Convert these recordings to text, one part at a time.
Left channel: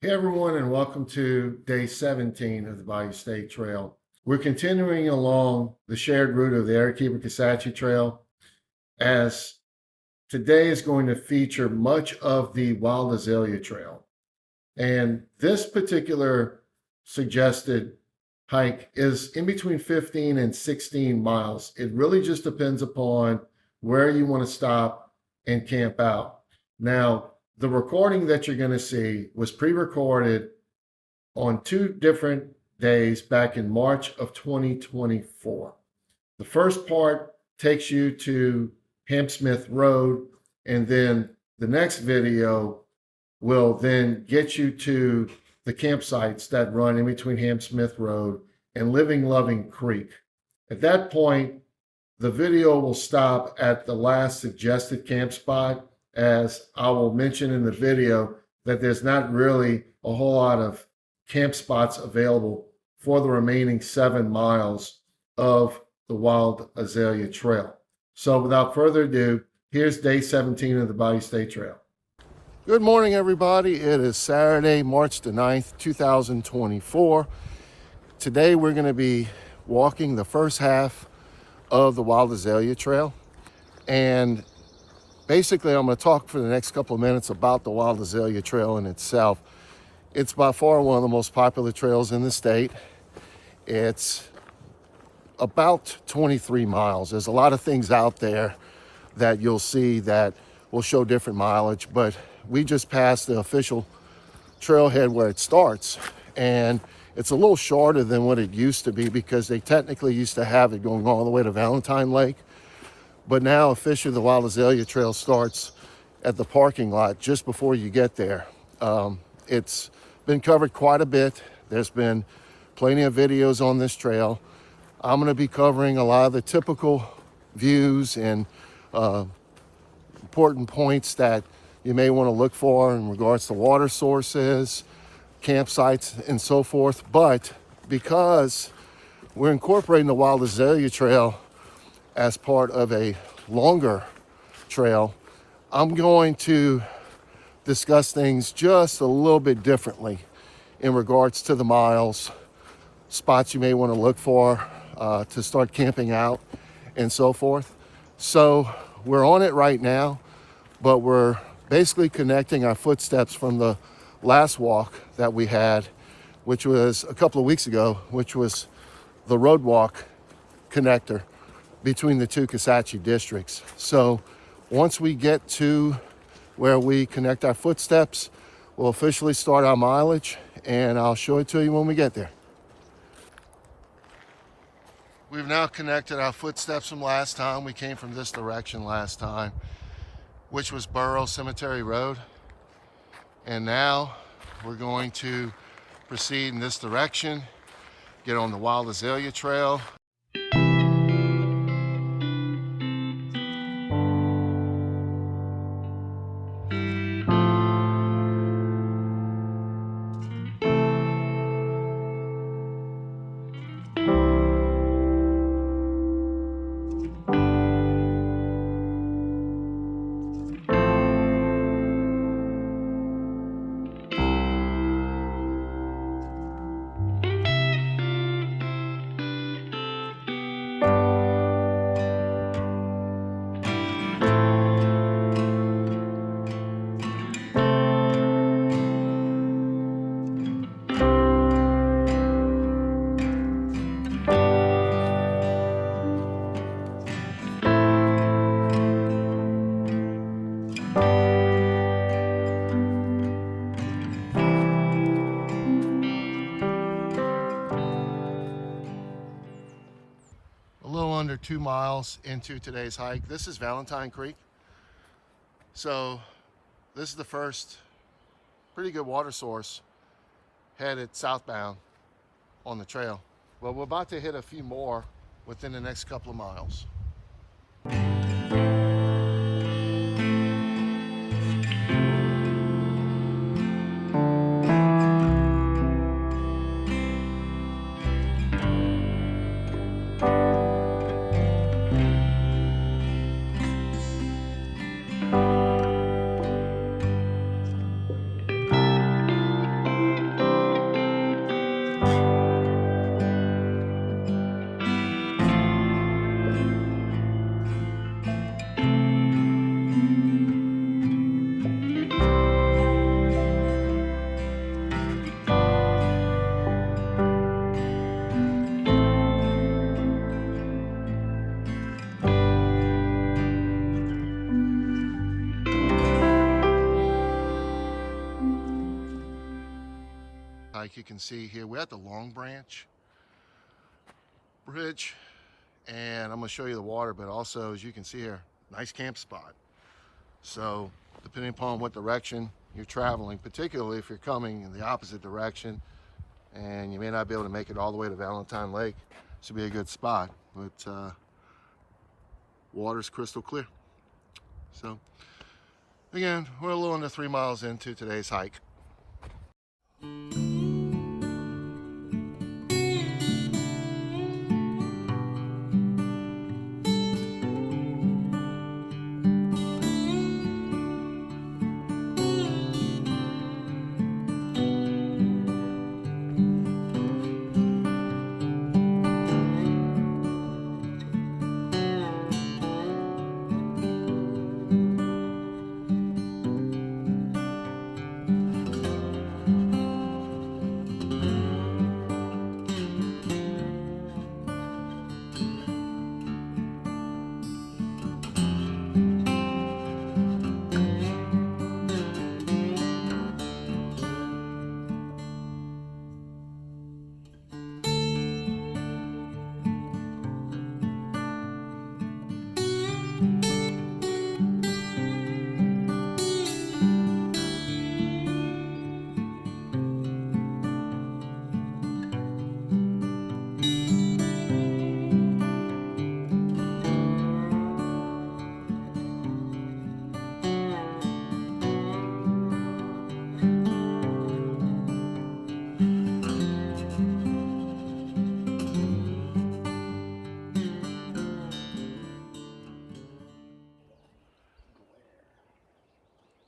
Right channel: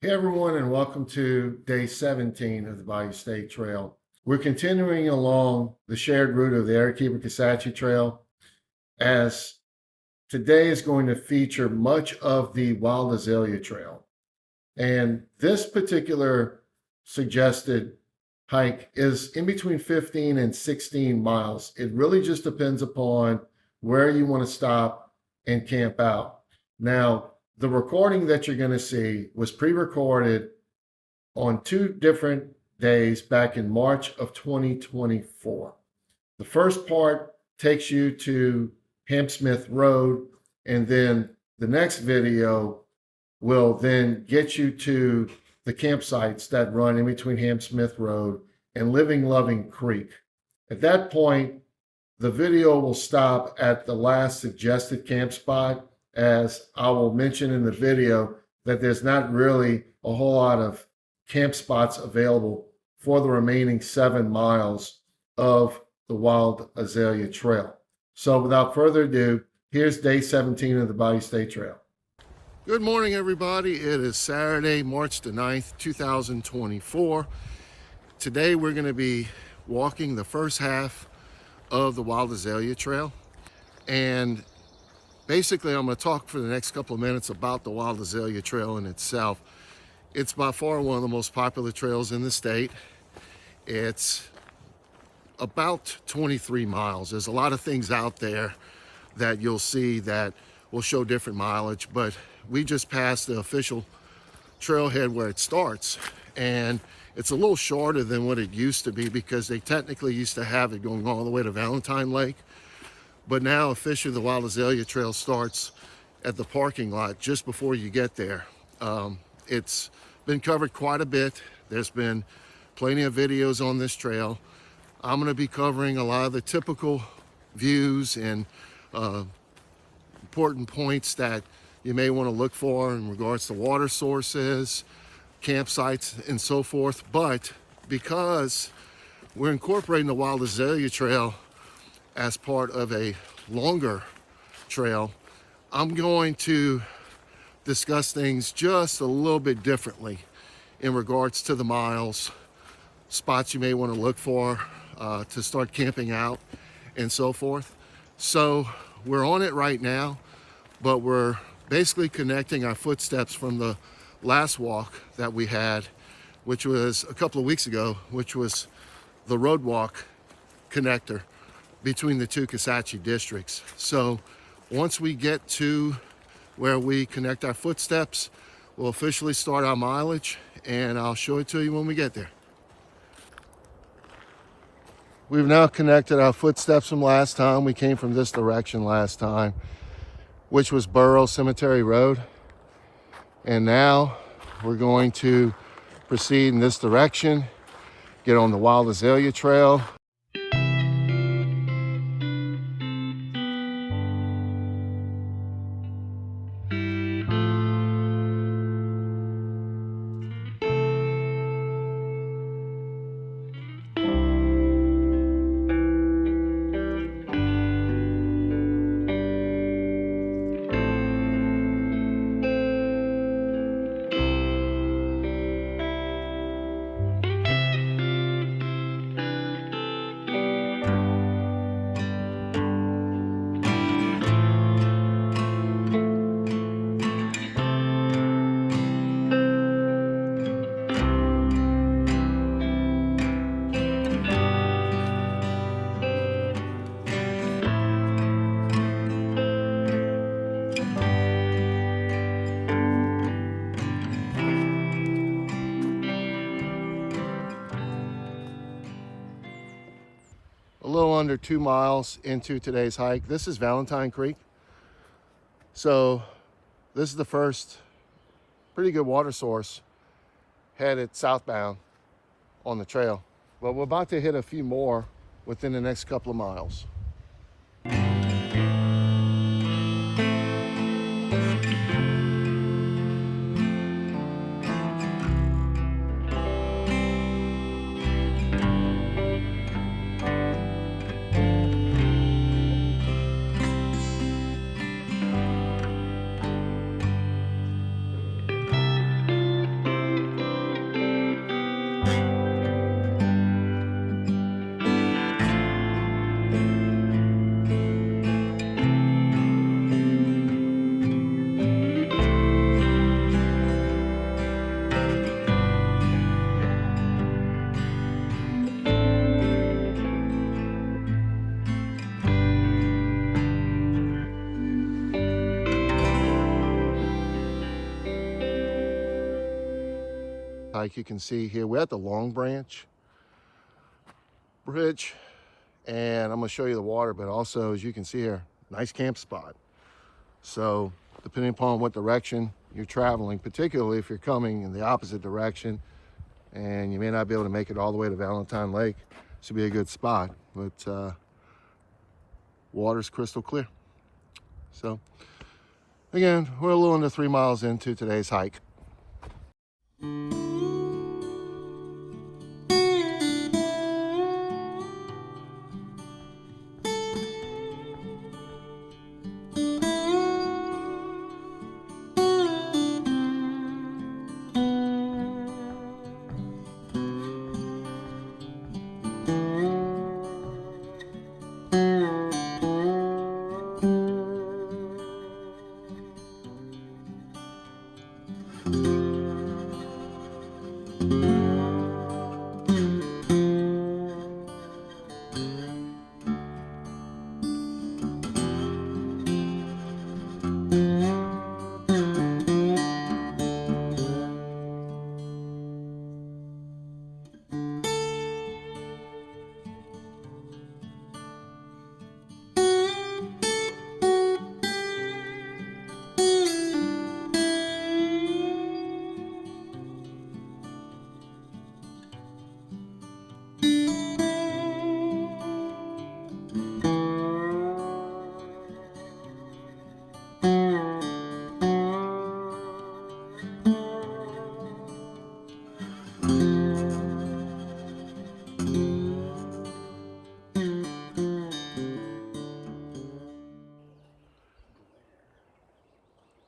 Hey everyone, and welcome to day 17 of the Bayou State Trail. We're continuing along the shared route of the Arequipa-Kisatchie Trail, as today is going to feature much of the Wild Azalea Trail. And this particular suggested hike is in between 15 and 16 miles. It really just depends upon where you want to stop and camp out. Now, the recording that you're going to see was pre-recorded on two different days back in March of 2024. The first part takes you to Hampsmith Road, and then the next video will then get you to the campsites that run in between Hampsmith Road and Living Loving Creek. At that point, the video will stop at the last suggested camp spot, as I will mention in the video that there's not really a whole lot of camp spots available for the remaining 7 miles of the Wild Azalea Trail. So without further ado, here's day 17 of the Bayou State Trail. Good morning, everybody. It is Saturday, March the 9th, 2024. Today we're going to be walking the first half of the Wild Azalea Trail. And basically, I'm going to talk for the next couple of minutes about the Wild Azalea Trail in itself. It's by far one of the most popular trails in the state. It's about 23 miles. There's a lot of things out there that you'll see that will show different mileage, but we just passed the official trailhead where it starts. And it's a little shorter than what it used to be because they technically used to have it going all the way to Valentine Lake. But now officially the Wild Azalea Trail starts at the parking lot just before you get there. It's been covered quite a bit. There's been plenty of videos on this trail. I'm going to be covering a lot of the typical views and important points that you may want to look for in regards to water sources, campsites, and so forth. But because we're incorporating the Wild Azalea Trail as part of a longer trail, I'm going to discuss things just a little bit differently in regards to the miles, spots you may want to look for to start camping out, and so forth. So we're on it right now, but we're basically connecting our footsteps from the last walk that we had, which was a couple of weeks ago, which was the road walk connector between the two Kisatchie districts. So once we get to where we connect our footsteps, we'll officially start our mileage, and I'll show it to you when we get there. We've now connected our footsteps from last time. We came from this direction last time, which was Burrow Cemetery Road. And now we're going to proceed in this direction, get on the Wild Azalea Trail. A little under 2 miles into today's hike. This is Valentine Creek. So this is the first pretty good water source headed southbound on the trail. But we're about to hit a few more within the next couple of miles. hike. You can see here we're at the Long Branch Bridge, and I'm going to show you the water, but also, as you can see here, nice camp spot. So depending upon what direction you're traveling, particularly if you're coming in the opposite direction and you may not be able to make it all the way to Valentine Lake, this would be a good spot. But water's crystal clear. So again, we're a little under 3 miles into today's hike.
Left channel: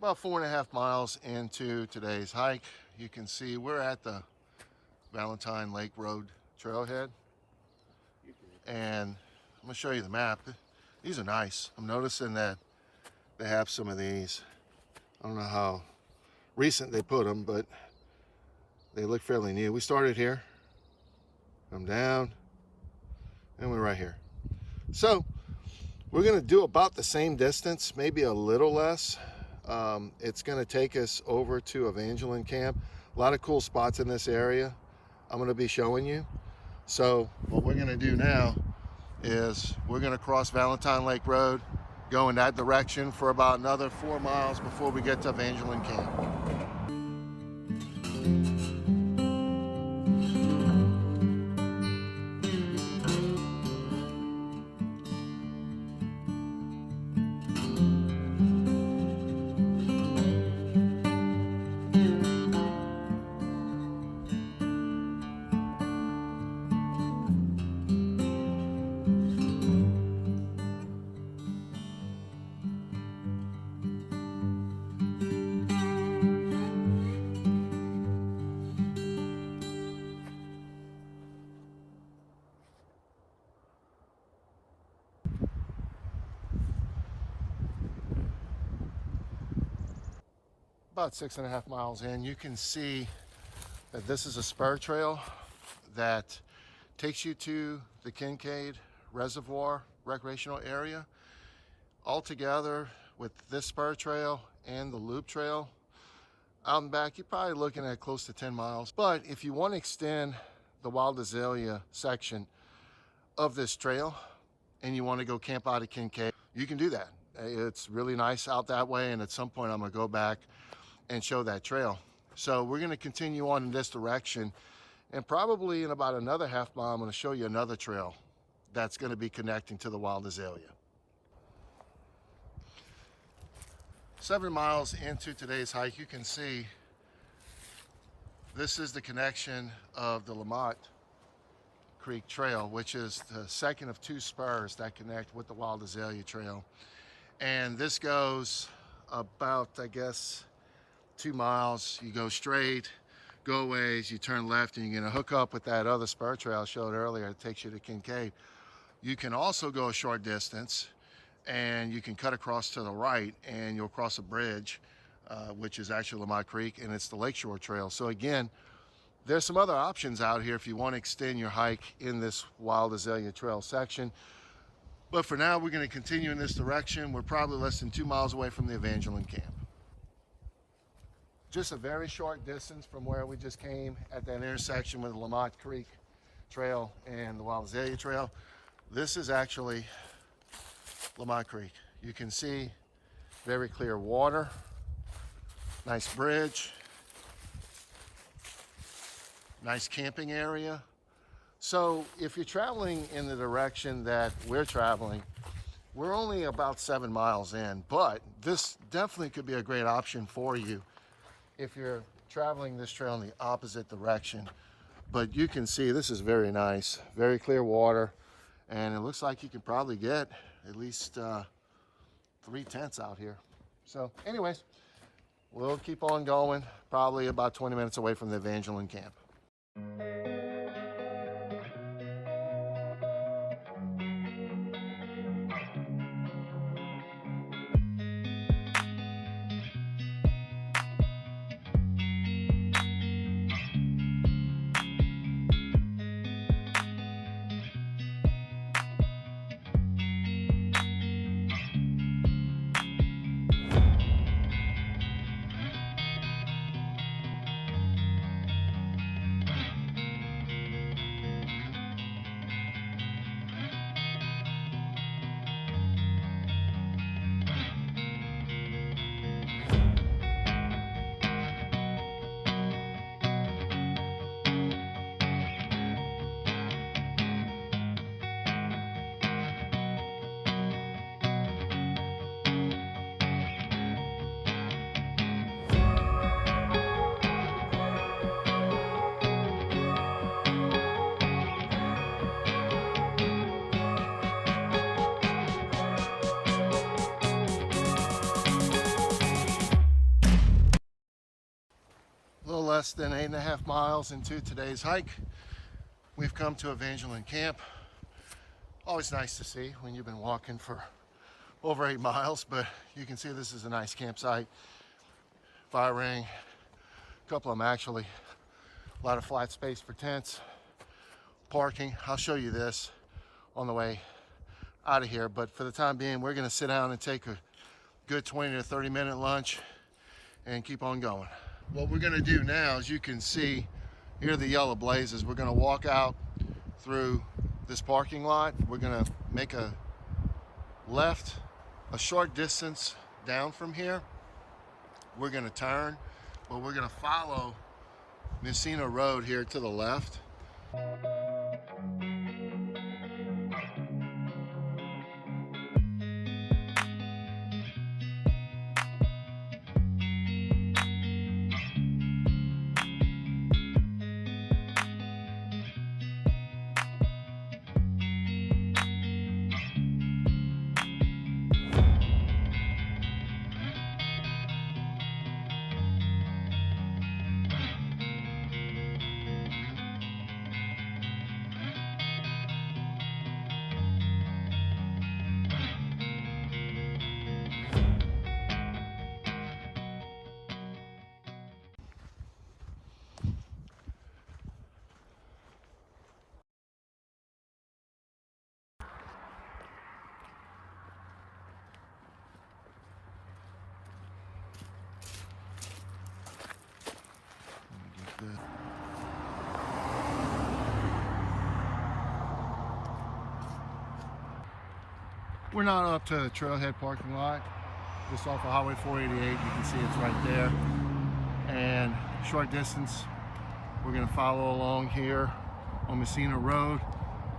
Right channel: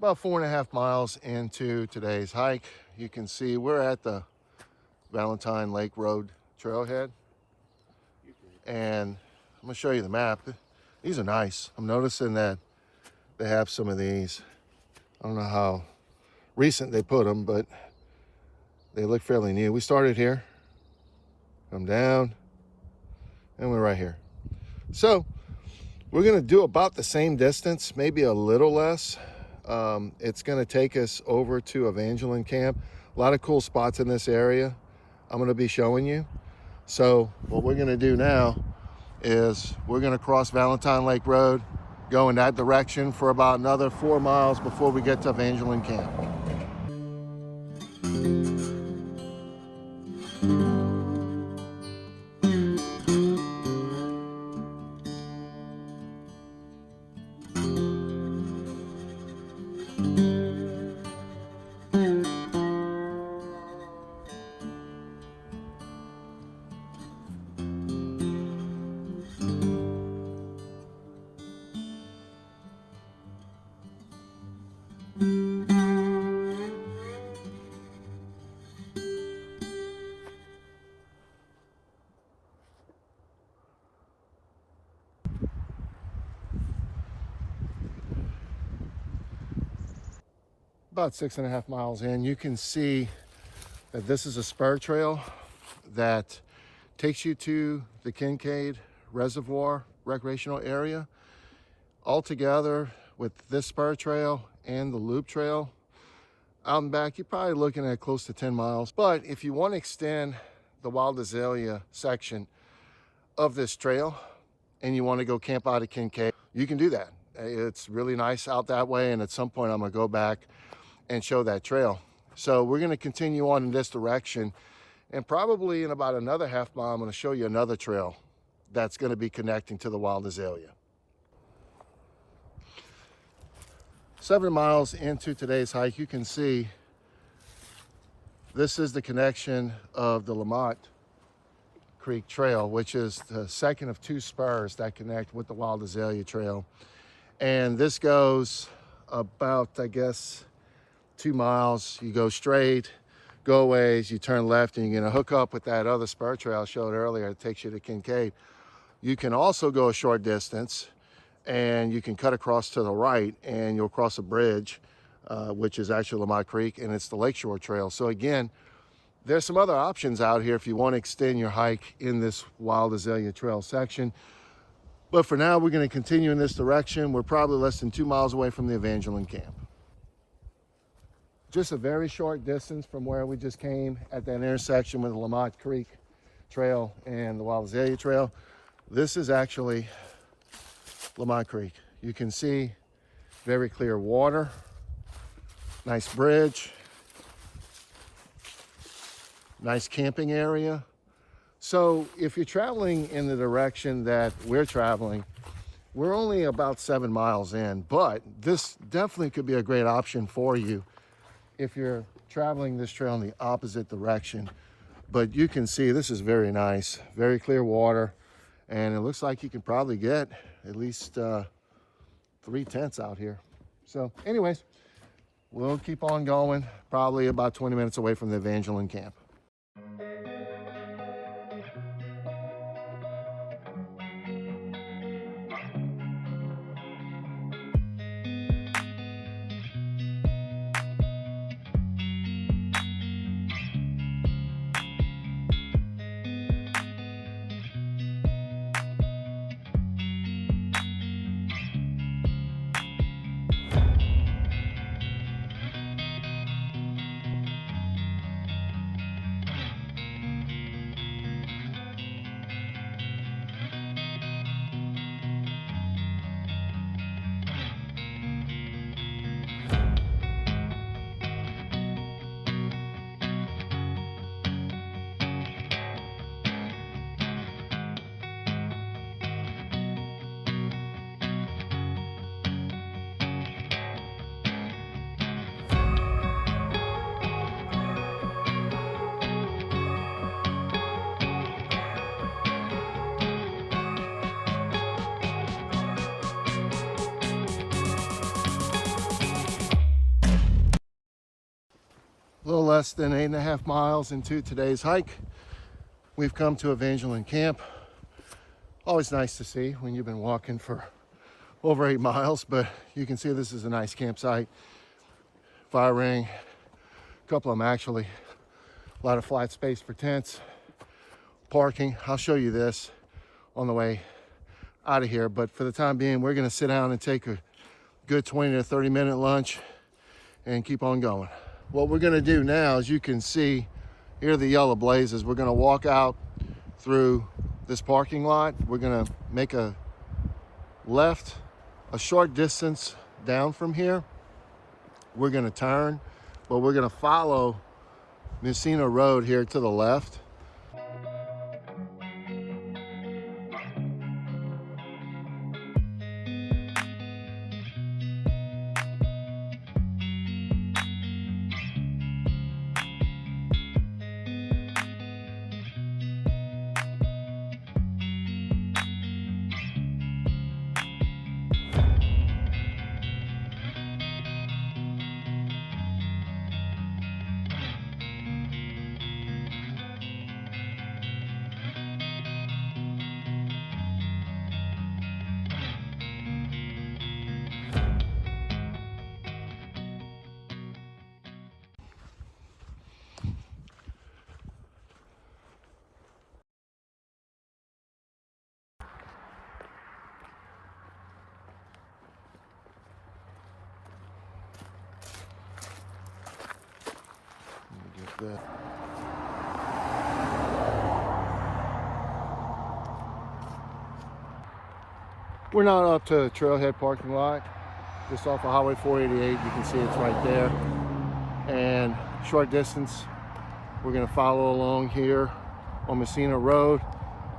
About 4.5 miles into today's hike, you can see we're at the Valentine Lake Road trailhead. And I'm gonna show you the map. These are nice. I'm noticing that they have some of these. I don't know how recent they put them, but they look fairly new. We started here, come down, and we're right here. So we're gonna do about the same distance, maybe a little less. It's going to take us over to Evangeline Camp. A lot of cool spots in this area I'm going to be showing you. So what we're going to do now is we're going to cross Valentine Lake Road, go in that direction for about another 4 miles before we get to Evangeline Camp. About 6.5 miles in, you can see that this is a spur trail that takes you to the Kincaid Reservoir recreational area. Altogether, with this spur trail and the loop trail out and back, you're probably looking at close to 10 miles. But if you want to extend the Wild Azalea section of this trail and you want to go camp out at Kincaid, you can do that. It's really nice out that way, and at some point I'm going to go back and show that trail. So we're going to continue on in this direction, and probably in about another half mile I'm going to show you another trail that's going to be connecting to the Wild Azalea. 7 miles into today's hike, you can see this is the connection of the Lamont Creek Trail, which is the second of 2 spurs that connect with the Wild Azalea Trail. And this goes about, I guess, 2 miles. You go straight, go ways, you turn left, and you're going to hook up with that other spur trail I showed earlier. It takes you to Kincaid. You can also go a short distance and you can cut across to the right and you'll cross a bridge, which is actually Lamont Creek, and it's the Lakeshore Trail. So again, there's some other options out here if you want to extend your hike in this Wild Azalea Trail section. But for now, we're going to continue in this direction. We're probably less than 2 miles away from the Evangeline Camp. just a very short distance from where we just came at that intersection with the Lamont Creek Trail and the Wild Azalea Trail. This is actually Lamont Creek. You can see very clear water, nice bridge, nice camping area. So if you're traveling in the direction that we're traveling, we're only about 7 miles in, but this definitely could be a great option for you if you're traveling this trail in the opposite direction. But you can see this is very nice, very clear water, and it looks like you can probably get at least 3 tents out here. So anyways, we'll keep on going, probably about 20 minutes away from the Evangeline camp. A little less than 8.5 miles into today's hike, we've come to Evangeline Camp. Always nice to see when you've been walking for over 8 miles, but you can see this is a nice campsite. Fire ring, a couple of them actually. A lot of flat space for tents, parking. I'll show you this on the way out of here, but for the time being, we're gonna sit down and take a good 20 to 30 minute lunch and keep on going. What we're gonna do now, as you can see, here are the yellow blazes. We're gonna walk out through this parking lot. We're gonna make a left a short distance down from here. We're gonna turn, but we're gonna follow Messina Road here to the left. Let me get that. We're not up to the trailhead parking lot. Just off of Highway 488, you can see it's right there. And short distance, we're gonna follow along here on Messina Road,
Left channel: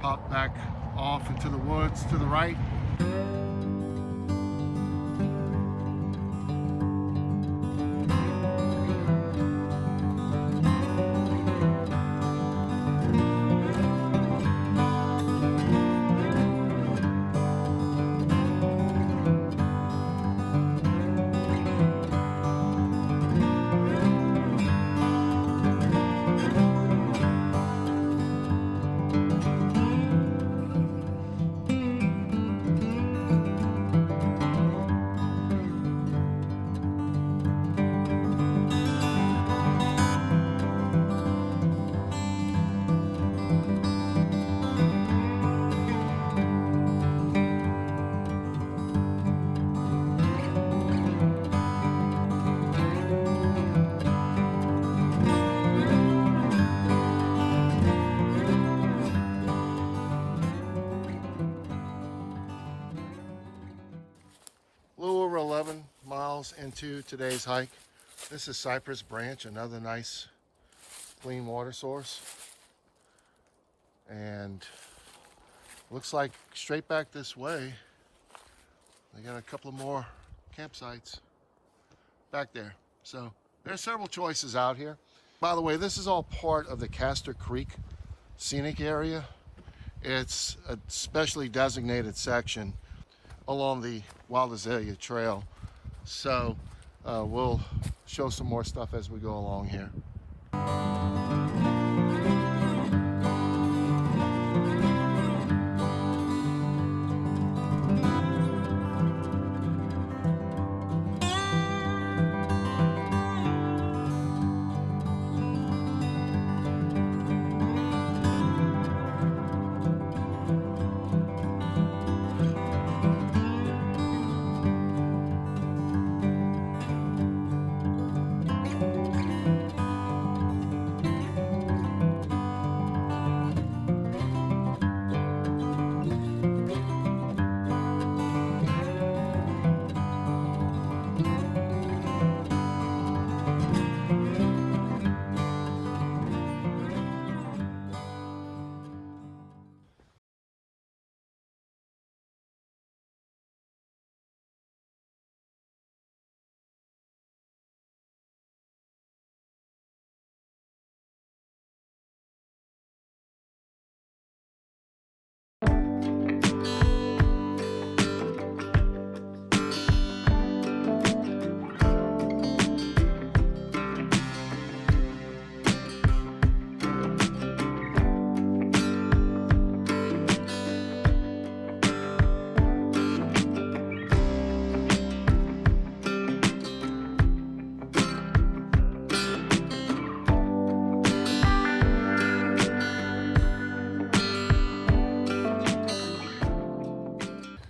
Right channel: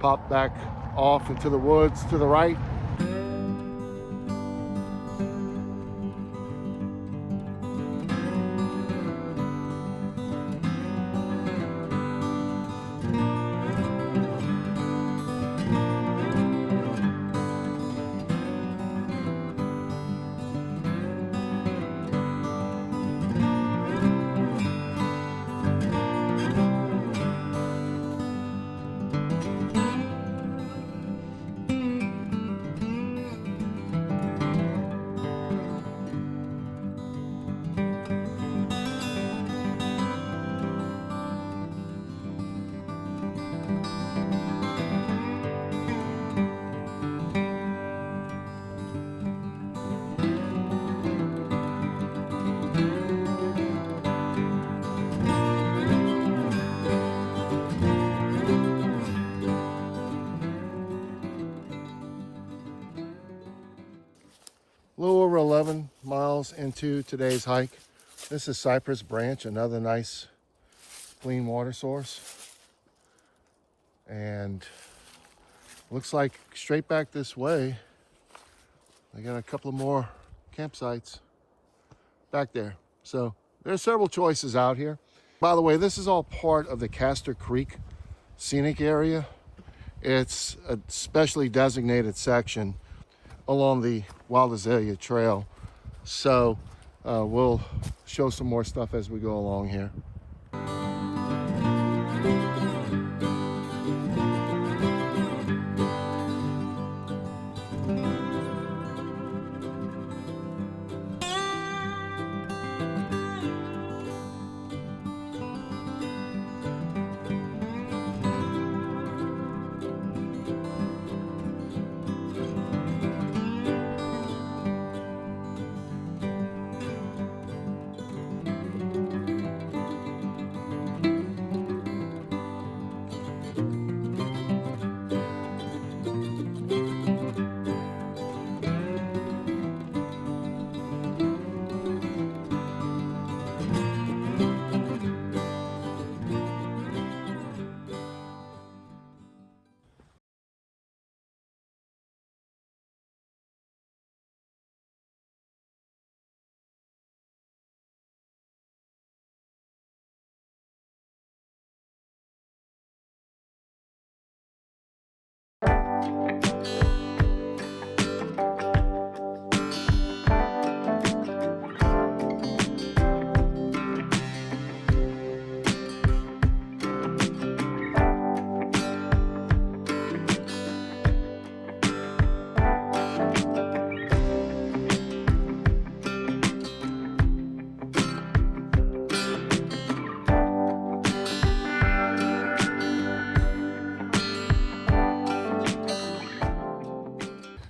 pop back off into the woods to the right. 21 miles into today's hike. This is Cypress Branch, another nice clean water source. And looks like straight back this way, I got a couple of more campsites back there. So there's several choices out here. By the way, this is all part of the Castor Creek scenic area. It's a specially designated section along the Wild Azalea Trail. So we'll show some more stuff as we go along here.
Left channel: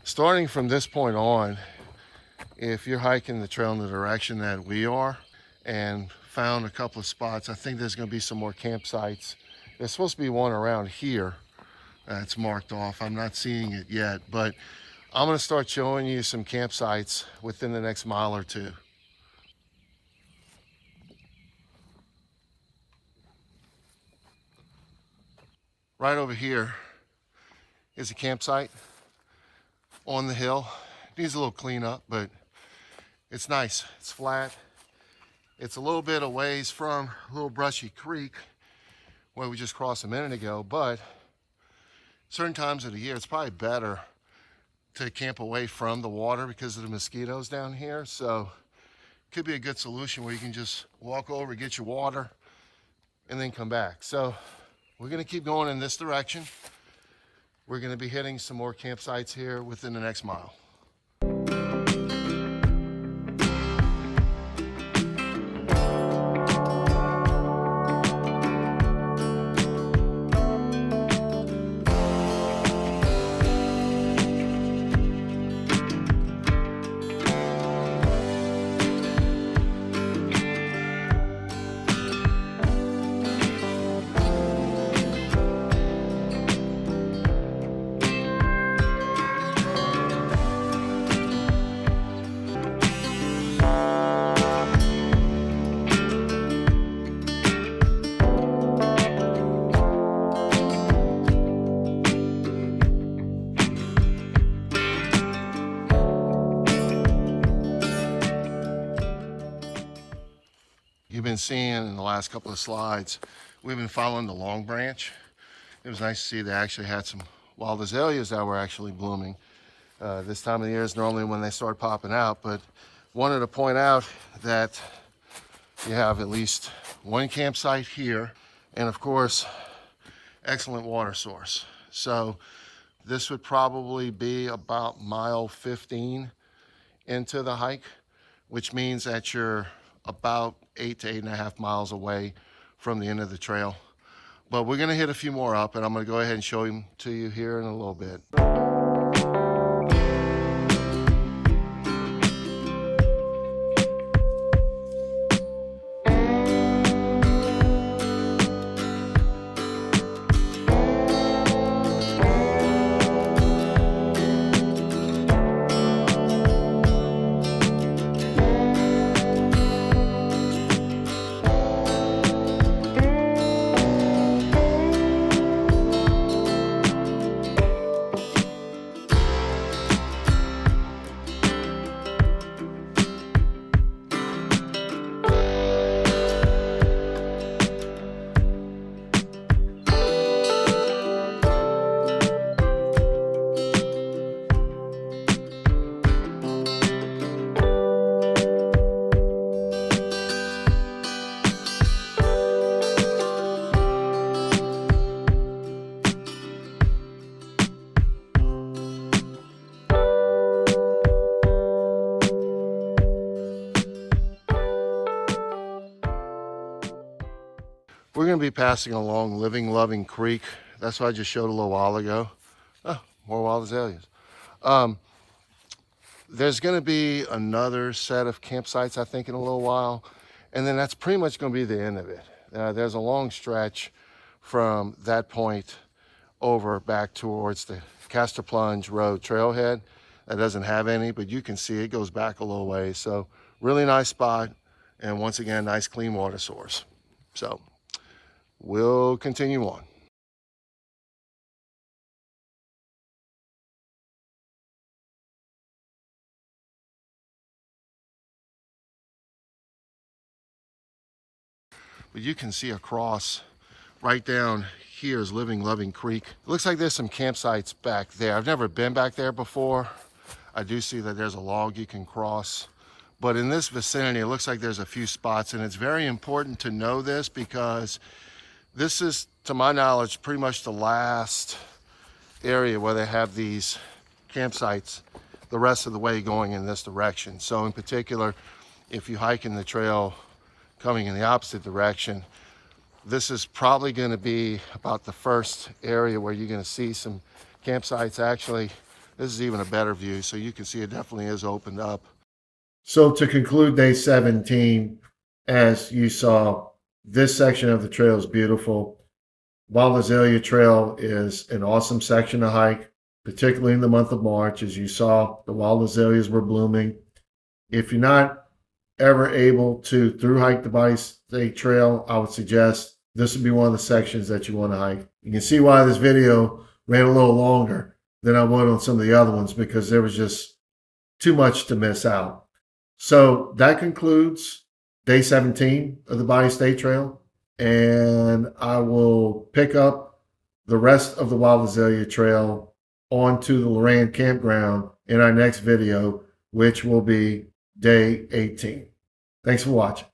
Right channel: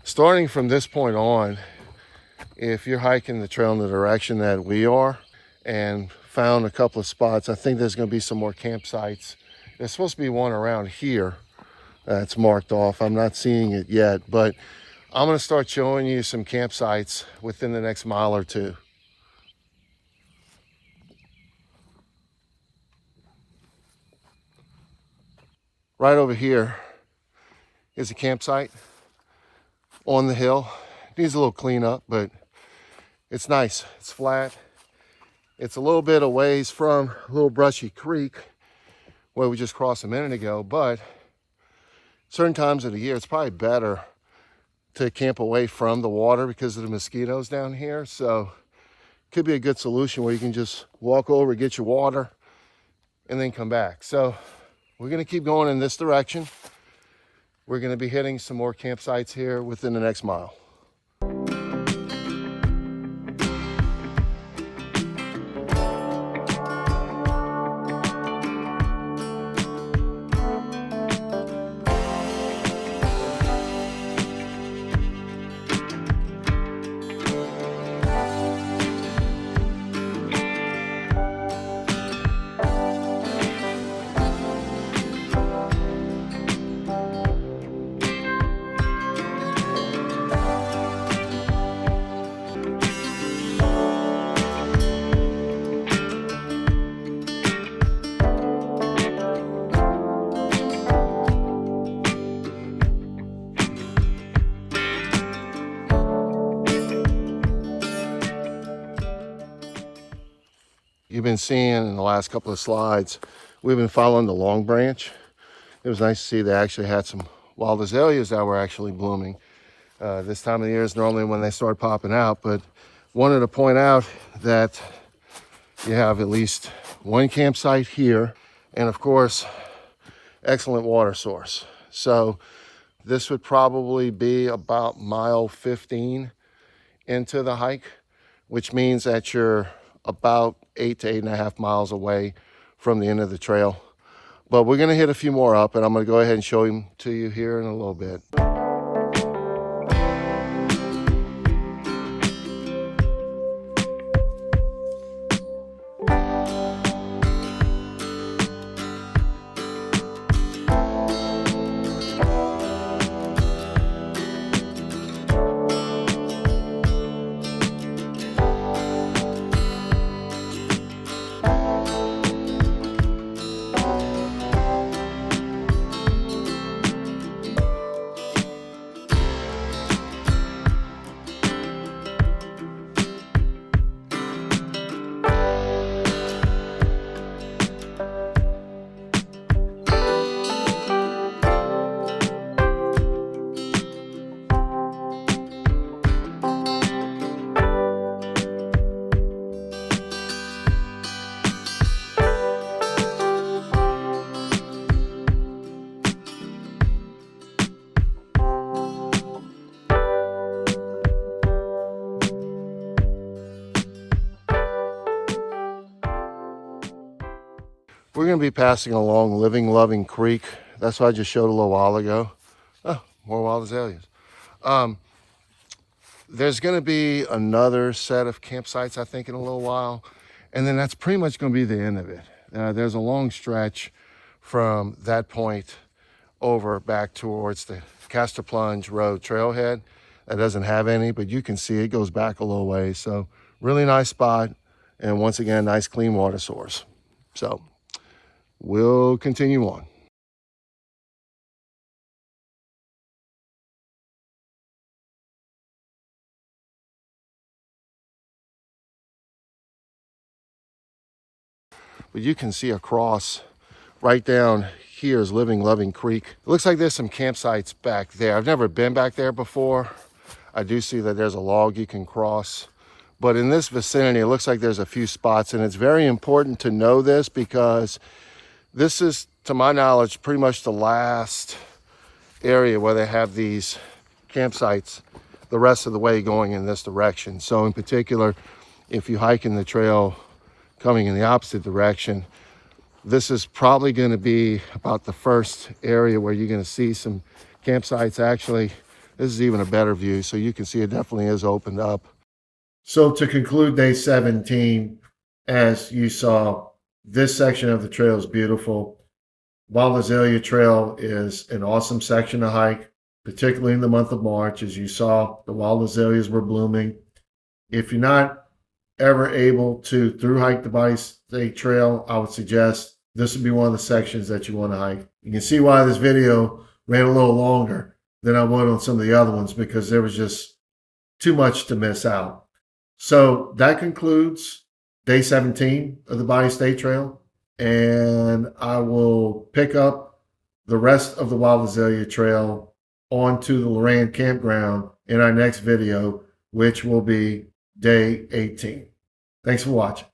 Starting from this point on, if you're hiking the trail in the direction that we are and found a couple of spots, I think there's going to be some more campsites. There's supposed to be one around here that's marked off. I'm not seeing it yet, but I'm going to start showing you some campsites within the next mile or two. Right over here is a campsite on the hill. It needs a little cleanup, but it's nice. It's flat. It's a little bit a ways from a little brushy creek where we just crossed a minute ago, but certain times of the year, it's probably better to camp away from the water because of the mosquitoes down here. So it could be a good solution where you can just walk over, get your water, and then come back. So we're gonna keep going in this direction. We're going to be hitting some more campsites here within the next mile. You've been seeing in the last couple of slides, we've been following the Long Branch. It was nice to see they actually had some wild azaleas that were actually blooming. This time of the year is normally when they start popping out, but wanted to point out that you have at least one campsite here, and of course, excellent water source. So this would probably be about mile 15 into the hike, which means that you're about 8 to 8.5 miles away from the end of the trail. But we're gonna hit a few more up, and I'm gonna go ahead and show them to you here in a little bit. We're going to be passing along Living Loving Creek. That's what I just showed a little while ago. Oh, more wild azaleas. There's going to be another set of campsites, I think, in a little while. And then that's pretty much going to be the end of it. There's a long stretch from that point over back towards the Castor Plunge Road trailhead. That doesn't have any, but you can see it goes back a little way. So really nice spot. And once again, nice clean water source. So we'll continue on. But you can see across right down here is Living Loving Creek. It looks like there's some campsites back there. I've never been back there before. I do see that there's a log you can cross. But in this vicinity, it looks like there's a few spots, and it's very important to know this because this is, to my knowledge, pretty much the last area where they have these campsites the rest of the way going in this direction. So in particular, if you hike in the trail coming in the opposite direction, this is probably going to be about the first area where you're going to see some campsites. Actually, this is even a better view, so you can see it definitely is opened up. So to conclude day 17, as you saw, this section of the trail is beautiful. Wild Azalea Trail is an awesome section to hike, particularly in the month of March. As you saw, the wild azaleas were blooming. If you're not ever able to through hike the Bayou State Trail, I would suggest this would be one of the sections that you want to hike. You can see why this video ran a little longer than I would on some of the other ones, because there was just too much to miss out. So that concludes day 17 of the Bayou State Trail, and I will pick up the rest of the Wild Azalea Trail onto the Loran campground in our next video, which will be day 18. Thanks for watching.